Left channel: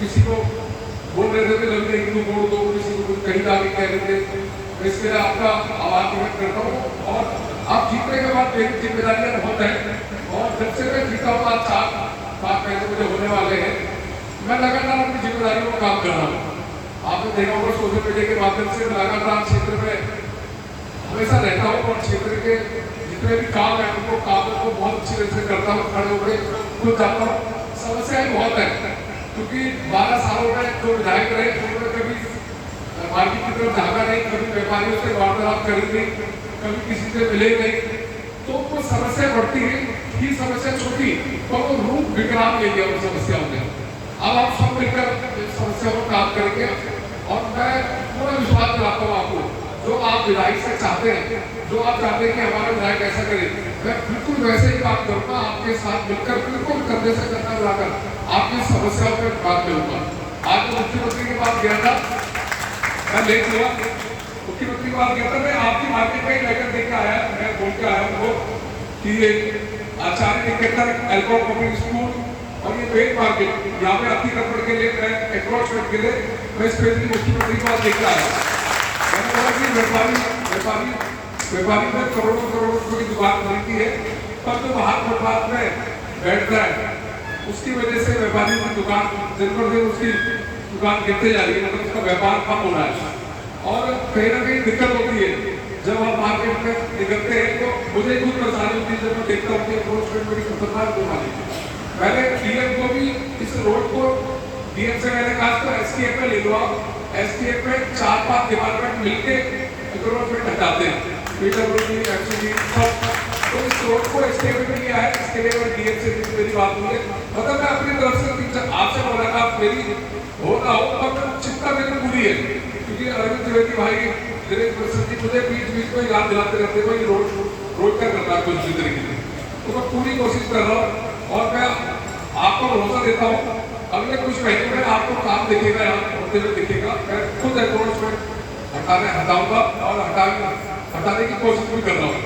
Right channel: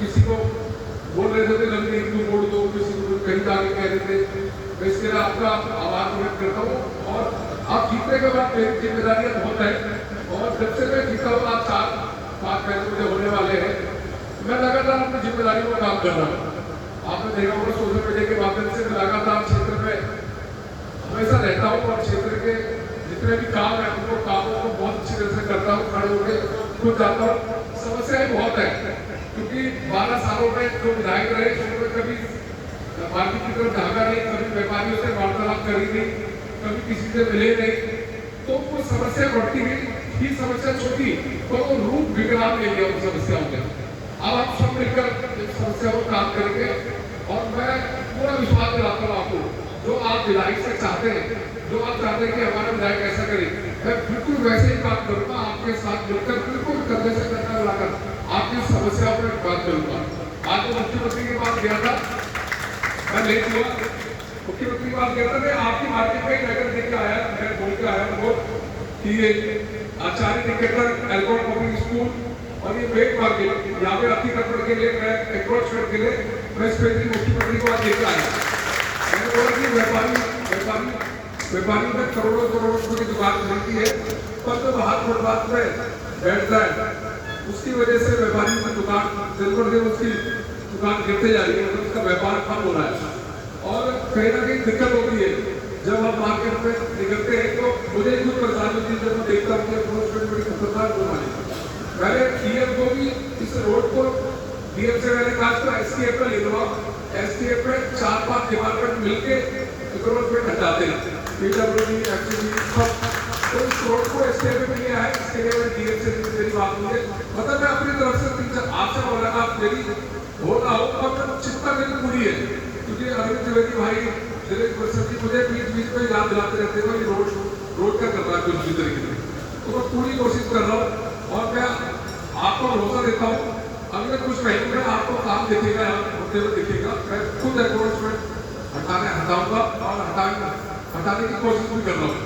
किसी को बोल रहे थे लंबे हिंदू बोल दो, किसी को कहीं जाके कह रहे थे। इसके लिए आपका आभार व्यक्त करता हूँ। और आप जीतने के बाद मेरी जिम्मेदारियां बहुत है, और जब से मैं जीता हूँ आज 4-5 मुझे होने वाले हैं, मैं लगातार अपनी जिम्मेदारियों में काम कर रहा हूँ। आपने देखा होगा सोशल मीडिया के माध्यम से मैं लगातार क्षेत्र में हमेशा रहता हूँ, और क्षेत्र के जितने भी काम है उनको कामों को बहुत अच्छी तरह से करता हूँ, खड़े होकर खुद जाता हूँ। समस्याएं बहुत है, क्योंकि 12 सालों में जो विधायक रहे उन्होंने कभी मार्केट की तरफ झाँका नहीं, कभी व्यापारियों से वार्तालाप करी नहीं, कभी किसी से मिले नहीं, तो वो समस्या बढ़ती गई। ही समस्या छोटी तो वो रूप विकराल ले गया उन समस्याओं में। अब आप सब मिलकर समस्याओं पर काम करेंगे, और मैं पूरा विश्वास दिलाता हूँ आपको, जो आप विधायक से चाहते हैं, जो आप चाहते हैं कि हमारा विधायक ऐसा करे, मैं बिल्कुल वैसे ही बात करूँगा आपके साथ मिलकर, बिल्कुल कंधे से कंधा मिलाकर आपकी समस्याओं पर बात करूँगा। आज तो मुख्यमंत्री की बात गया था, मैं ले लिया मुख्यमंत्री की बात गया था, मैं आपकी मार्केट में लेकर देकर आया, मैं बोल के आया उनको कि ये आचार्य निकेतन एल्कोहल पब्लिक स्कूल और ये मेन मार्केट यहाँ पे अतिक्रमण के लिए, मैं एंक्रोचमेंट के लिए मैं स्पेशली मुख्यमंत्री की बात देकर आया। मैंने बोला कि व्यापारी ने करोड़ों रुपए की दुकान खरीदी है, पर जो बाहर फुटपाथ में बैठता है उसकी वजह से व्यापारी की दुकान दिन पर दिन उसकी दुकान गिरते जा रही है, मतलब उसका व्यापार कम हो रहा है, और कहीं ना कहीं दिक्कत होती है। जब आप मार्केट में निकलते हैं तो मुझे कुछ परेशानी होती है, जब मैं देखता हूँ कि अप्रोचमेंट बड़ी खतरनाक बीमारी है। मैंने डीएम को भी इस रोड को, डीएम से मैंने कहा तो एसटीएफ में ले लो, एसटीएफ में 4-5 डिपार्टमेंट मिलके अप्रोचमेंट हटाते हैं, पीडब्ल्यूडी, एक्चुअली सब, तो इस रोड को एसटीएफ में लिया है। इसके लिए मैं डीएम से मेरी बात हुई, मतलब मैं अपनी तरफ से 3-4 आपसे मुलाकात मेरी हो ना हो, और चिंता मेरी पूरी है, क्योंकि अरविंद त्रिवेदी भाई, दिनेश प्रसाद जी मुझे बीच में याद दिलाते रहते हैं भाई रोड का करना है कुछ भी तरीके से, तो मैं पूरी कोशिश कर रहा हूँ। और मैं आपको भरोसा देता हूँ अगले कुछ महीनों में आपको काम दिखेगा, यहाँ होते हुए दिखेगा। मैं खुद एनक्रोचमेंट हटाऊंगा और हटाने की कोशिश भी कर रहा हूँ।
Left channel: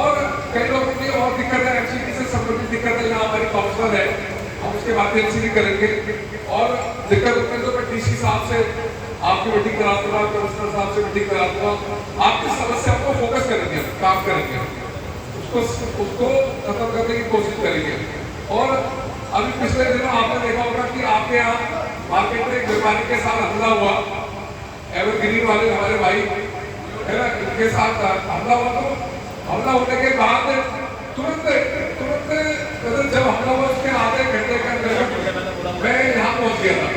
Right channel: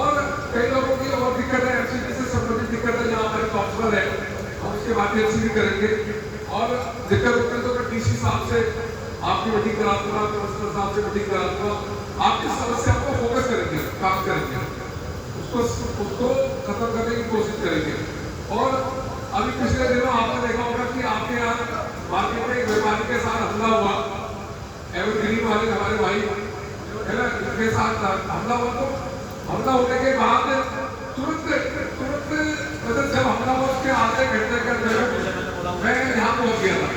और कई लोगों की और दिक्कत है, एमसीडी से संबंधित दिक्कत है, यहाँ हमारी काउंसलर है, हम उसके माध्यम से भी करेंगे। और दिक्कत होती है तो मैं डीसी साहब से आपकी मीटिंग करा दूंगा, कमिश्नर साहब से मीटिंग करा दूंगा, आपकी समस्या को फोकस करेंगे, काम करेंगे, उसको खत्म करने की कोशिश करेंगे। और अभी पिछले दिनों आपने देखा होगा कि आपके यहाँ मार्केट में एक व्यापारी के साथ हमला हुआ, एवरग्रीन वाले हमारे भाई है ना, इनके साथ हमला हुआ। तो हमला होने के बाद तुरंत मतलब जब हमला हुआ उसके आधे घंटे के अंदर मैं यहाँ पहुँच गया था,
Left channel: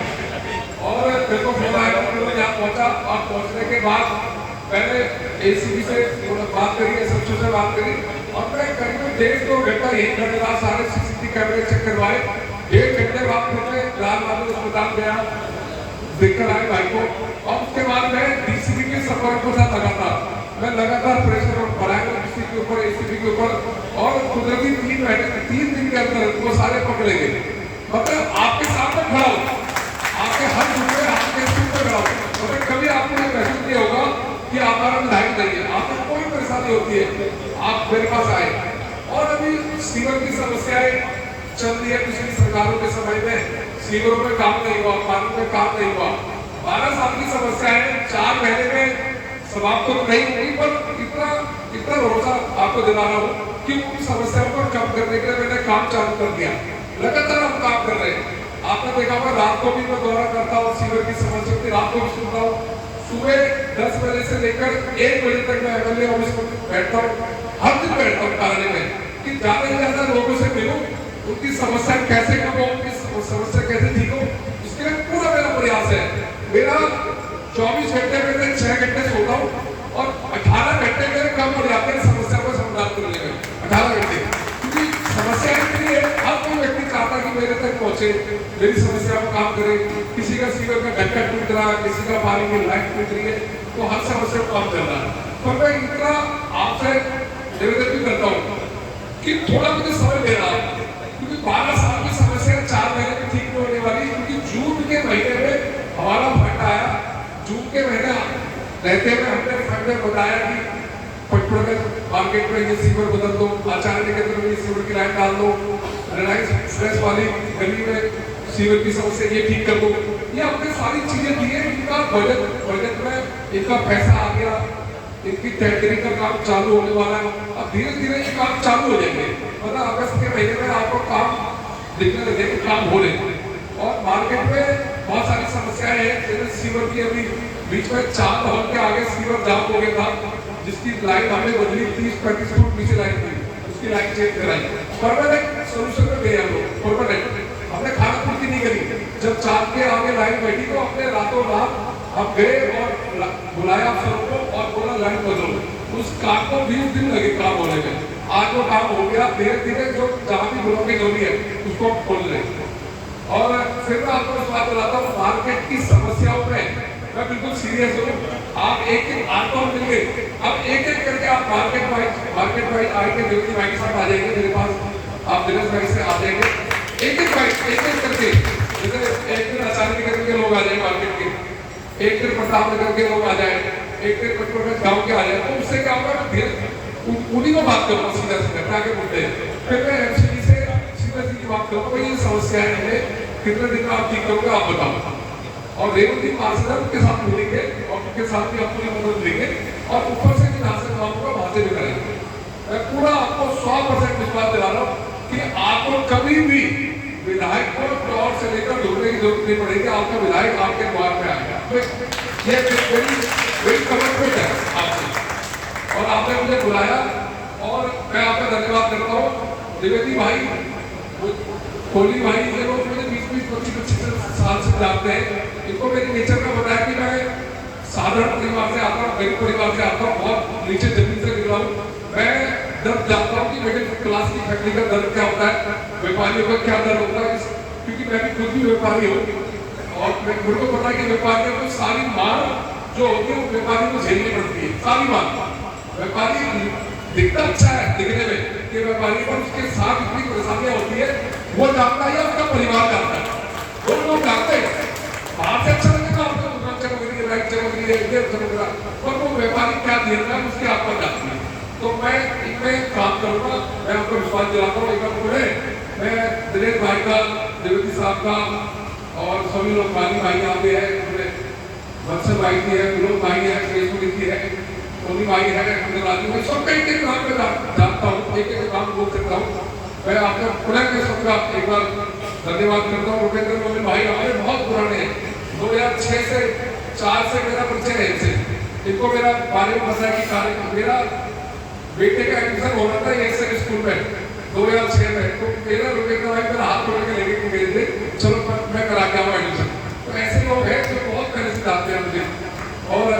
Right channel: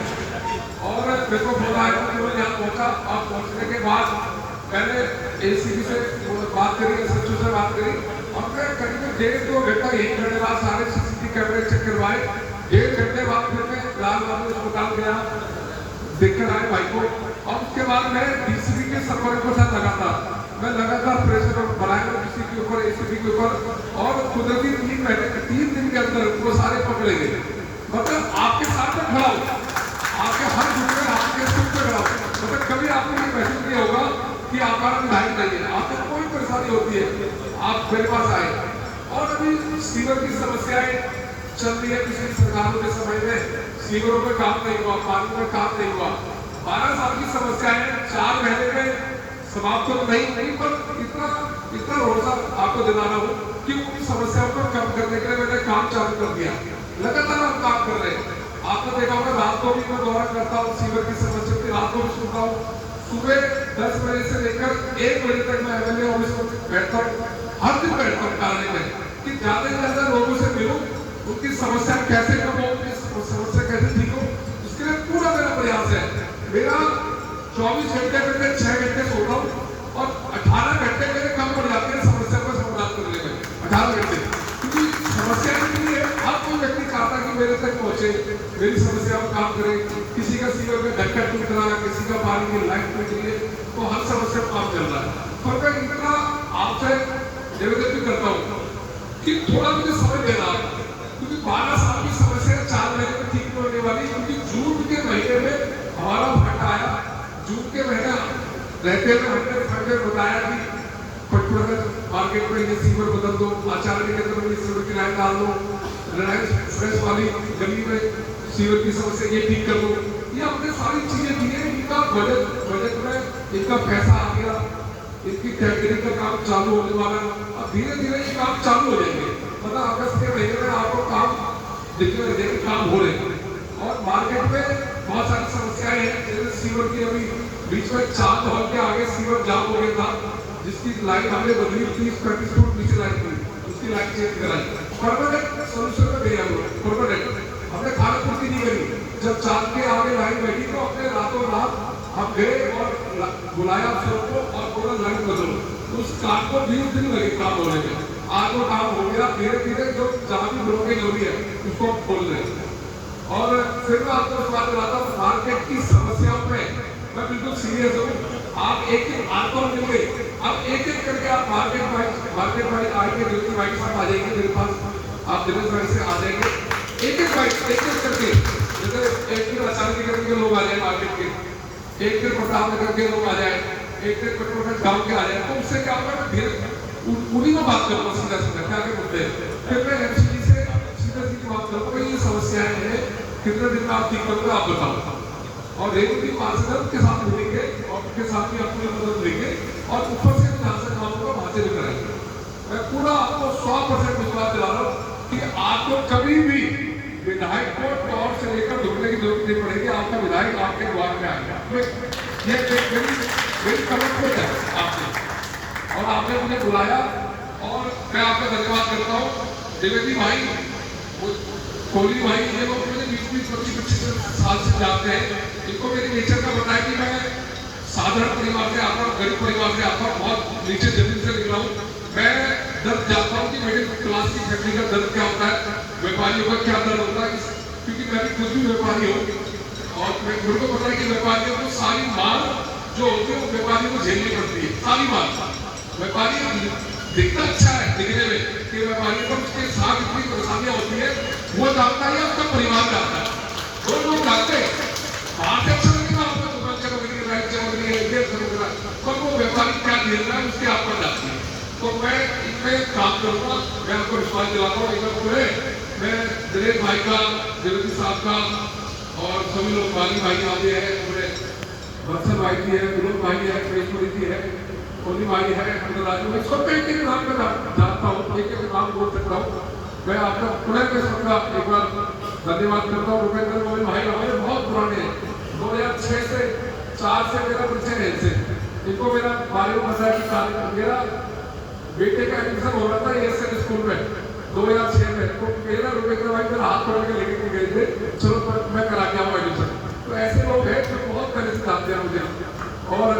और मेरे को फोन आया कि मैं यहाँ पहुँचा, और पहुँचने के बाद मैंने एसीबी से बात करी, एसएचओ से बात करी, और मैं करीब 1.5-2 घंटा यही खड़े रहा, सारे सीसीटीवी कैमरे चेक करवाए। 1 घंटे बाद फिर मैं लाल बहादुर अस्पताल गया, देखकर आए भाई को, और उसके बाद मैं डीसीपी के संपर्क के साथ मैं लगातार प्रेशर बढ़ाया डीसी के ऊपर, एसीपी के ऊपर, और कुदरती 3 दिन के अंदर वो सारे पकड़े गए। मतलब आपके सामने खड़ा हो, आपके हर जुम्मे आपके सिर पे खड़ा हो, मतलब कभी आपको ये महसूस नहीं होगा कि हमारा विधायक नहीं है, आपको कोई परेशानी होती है आप मेरे पास आए। और अभी सीवर की समस्याएं चल रही है, पिछली सरकारों के समय में सीवरों में काम नहीं हुआ, पानी में काम नहीं हुआ, 12 साल की समस्या है, 4 महीने में समाप्त तो नहीं, पर इतना भरोसा आपको दिला रहा हूँ कि उन समस्याओं को कम करने के लिए मैंने काम चालू कर दिया, लगातार हम काम कर रहे हैं। आपने देखा होगा रात को भी मैं दौरा करता हूँ, सीवर की समस्या होती है, रात को भी सुनता हूँ, सुबह 10 बजे से लेकर 1 बजे तक मैं एमएलए ऑफिस में बैठता हूँ, हर दिन बैठता हूँ कार्यालय में, कि ज्यादा से ज्यादा लोगों से मिलूं, उनकी समस्या कैसे कम हो, उनकी समस्या कैसे ठीक हो, इसके लिए पूरा मेरा प्रयास है। मेरा 24 घंटे में मैं 6 घंटे सोता हूँ, और 18 घंटे मेरे कम पड़ जाते हैं समस्या को समाधान करने में, 18 घंटे, क्योंकि समस्या इतनी है, हर कोई व्यक्ति चाहता कि मेरे तक पहुंचे, मेरी समस्या पर काम करे। किसी का सीवर में ढक्कन टूट रहा है, किसी का पानी की लाइट टूट रही है, तो हर समस्या पर काम चल रहा है। तो मैं इतना आपसे निवेदन भी करता हूँ कि थोड़ा मुझे समय देना, क्योंकि 12 साल की समस्या 4 महीने में ठीक नहीं होने वाली, क्योंकि जून के महीने में हमारा फंड आया, जून के महीने रहते हुए हमने बताया कि पटनगर मार्केट में ये सीवर बदल दो, आचार्य निकेतन में ये सीवर की लाइन डाल दो, रिलायंस एक्सप्रेस वाली गली में सीवर की समस्या ये ठीक कर दो, ये हमने सारी चीजें दी है। इनका बजट में इनका पैसा आ गया, इनकी टेंडरिंग का काम चालू होने वाला है। अब धीरे धीरे ये काम चालू हो जाएंगे, मतलब अगस्त के महीने में आपको काम दिखने लगेंगे, काम हो रहे। और मार्केट में बहुत सारी समस्याएं हैं, जैसे सीवर की अभी बीच में चांद हॉल के आगे सीवर जाम हो गया था, जिसकी लाइन हमने बदली 30-35 फुट नीचे लाइन थी, उसकी लाइन चेंज कराई। परमानेंट सोल्यूशन में गए हम लोग, परमानेंट हमने खाना पूर्ति नहीं करी। जब चांद के आगे लाइन बैठी तो अपने रातों रात हम गए और बुलाया अफसरों को और बोला लाइन बदलो। उस काम को 20 दिन लगे काम होने में, आज वो काम हो गया। धीरे धीरे जो जहाँ भी ब्लॉकेज हो रही है उसको हम खोल रहे हैं। और फिर मैं आपको इस बात बताता हूँ, मार्केट की समस्याओं में मैं बिल्कुल सीरियस हूँ। आप एक आपको मिल गए, अब एक एक करके आप मार्केट वाइज आएंगे, दिनेश भाई के साथ आ जाएंगे मेरे पास, आप दिनेश भाई से आ जाएंगे, एक एक करके। जैसे एक दिन आचार्य नगर के लोग आ जाए मार्केट के, एक दिन प्रताप नगर के लोग आ जाए, एक दिन कटोरगंज गाँव के आ जाए, तो उससे क्या होगा, उन्हीं को बात करूँगा सीधा क्या के मुद्दे। फिर मैं एमसीडी से सीधी बात करूँगा, ये समस्याएं हैं, कितने दिन में आप ठीक करोगे आप बताओ। और रेवती पार्षद उनके साथ मिलेंगे और उनके साथ भी अपनी मदद लेंगे और ऊपर से भी जहाँ से काम होगा वहाँ से भी करेंगे। मैं पूरा आपको 100% विश्वास दिला रहा हूँ कि आपको कभी भी विधायक को तौर से लेकर ढूंढने की जरूरत नहीं पड़ेगी। आपका विधायक आपके द्वार में आएगा, ये मेरी कमिटमेंट है आपसे। और आपने मुझे बुलाया और मैं आपका धन्यवाद करता हूँ। द्विवेदी भाई, कोहली भाई, ये लोग मुझे 20-25 साल से जानते हैं। इनको मेरी नेचर का पता है कि मैं साधारण परिवार से आता हूँ, गरीब परिवार से आता हूँ, बहुत नीचे जमीन से निकला हूँ। मैं दर्द जानता हूँ कि मिडिल क्लास की फैमिली का दर्द क्या होता है, व्यापारियों का क्या दर्द होता है, क्योंकि मैं भी खुद भी व्यापारी हूँ। और मुझे पता है कि व्यापारियों को सारी मांग जो होती है वो व्यापारियों को झेलनी पड़ती है, सारी मांग। व्यापारी दिखता अच्छा है दिखने में कि व्यापारी, पर उसके साथ इतनी परेशानियां होती है, वो जानता है, उसका परिवार जानता है, वो लोग जानते हैं। बात अच्छा लगेगा आपको, दुकान चमक रही है, लाइट चमक रही है, ये चमक रहा है, पर वो व्यापारी क्या झेल रहा है उसके आप पर जाती है। तो मैं इनमें काम करूंगा, मैं आपको विश्वास दिलाता हूँ। एक पूरे मैं दिनेश भाई का, देवती साहब का और सभी लोग बागी भाई यहाँ पे है, पूरे बक्सर भाई की है, विनोद भाई है, कृष्ण की है, कोहली भाई है, राजू भाई, सबका एक एक नाम पे जानता हूँ, एक एक नाम बोल सकता हूँ। मैं आपका पुनः के सबका एक बार धन्यवाद करता हूँ। रुपेंद्र मोहन भाई हमारे बहुत पुराने हैं, 2006 से 4 से मेरा परिचय है इनसे। इनको मेरा बारे में पता है कि कार्य मेरा बेटे का एडमिशन हो रहा था एक से स्कूल में 2006 में, तो मेरा रुपेंद्र भाई मेरा हाथ पकड़ के लेके गए थे, चलो मैं करा के आऊँ एडमिशन। तो ऐसे लोग हैं जो बहुत पहले से जानते हैं मुझे। और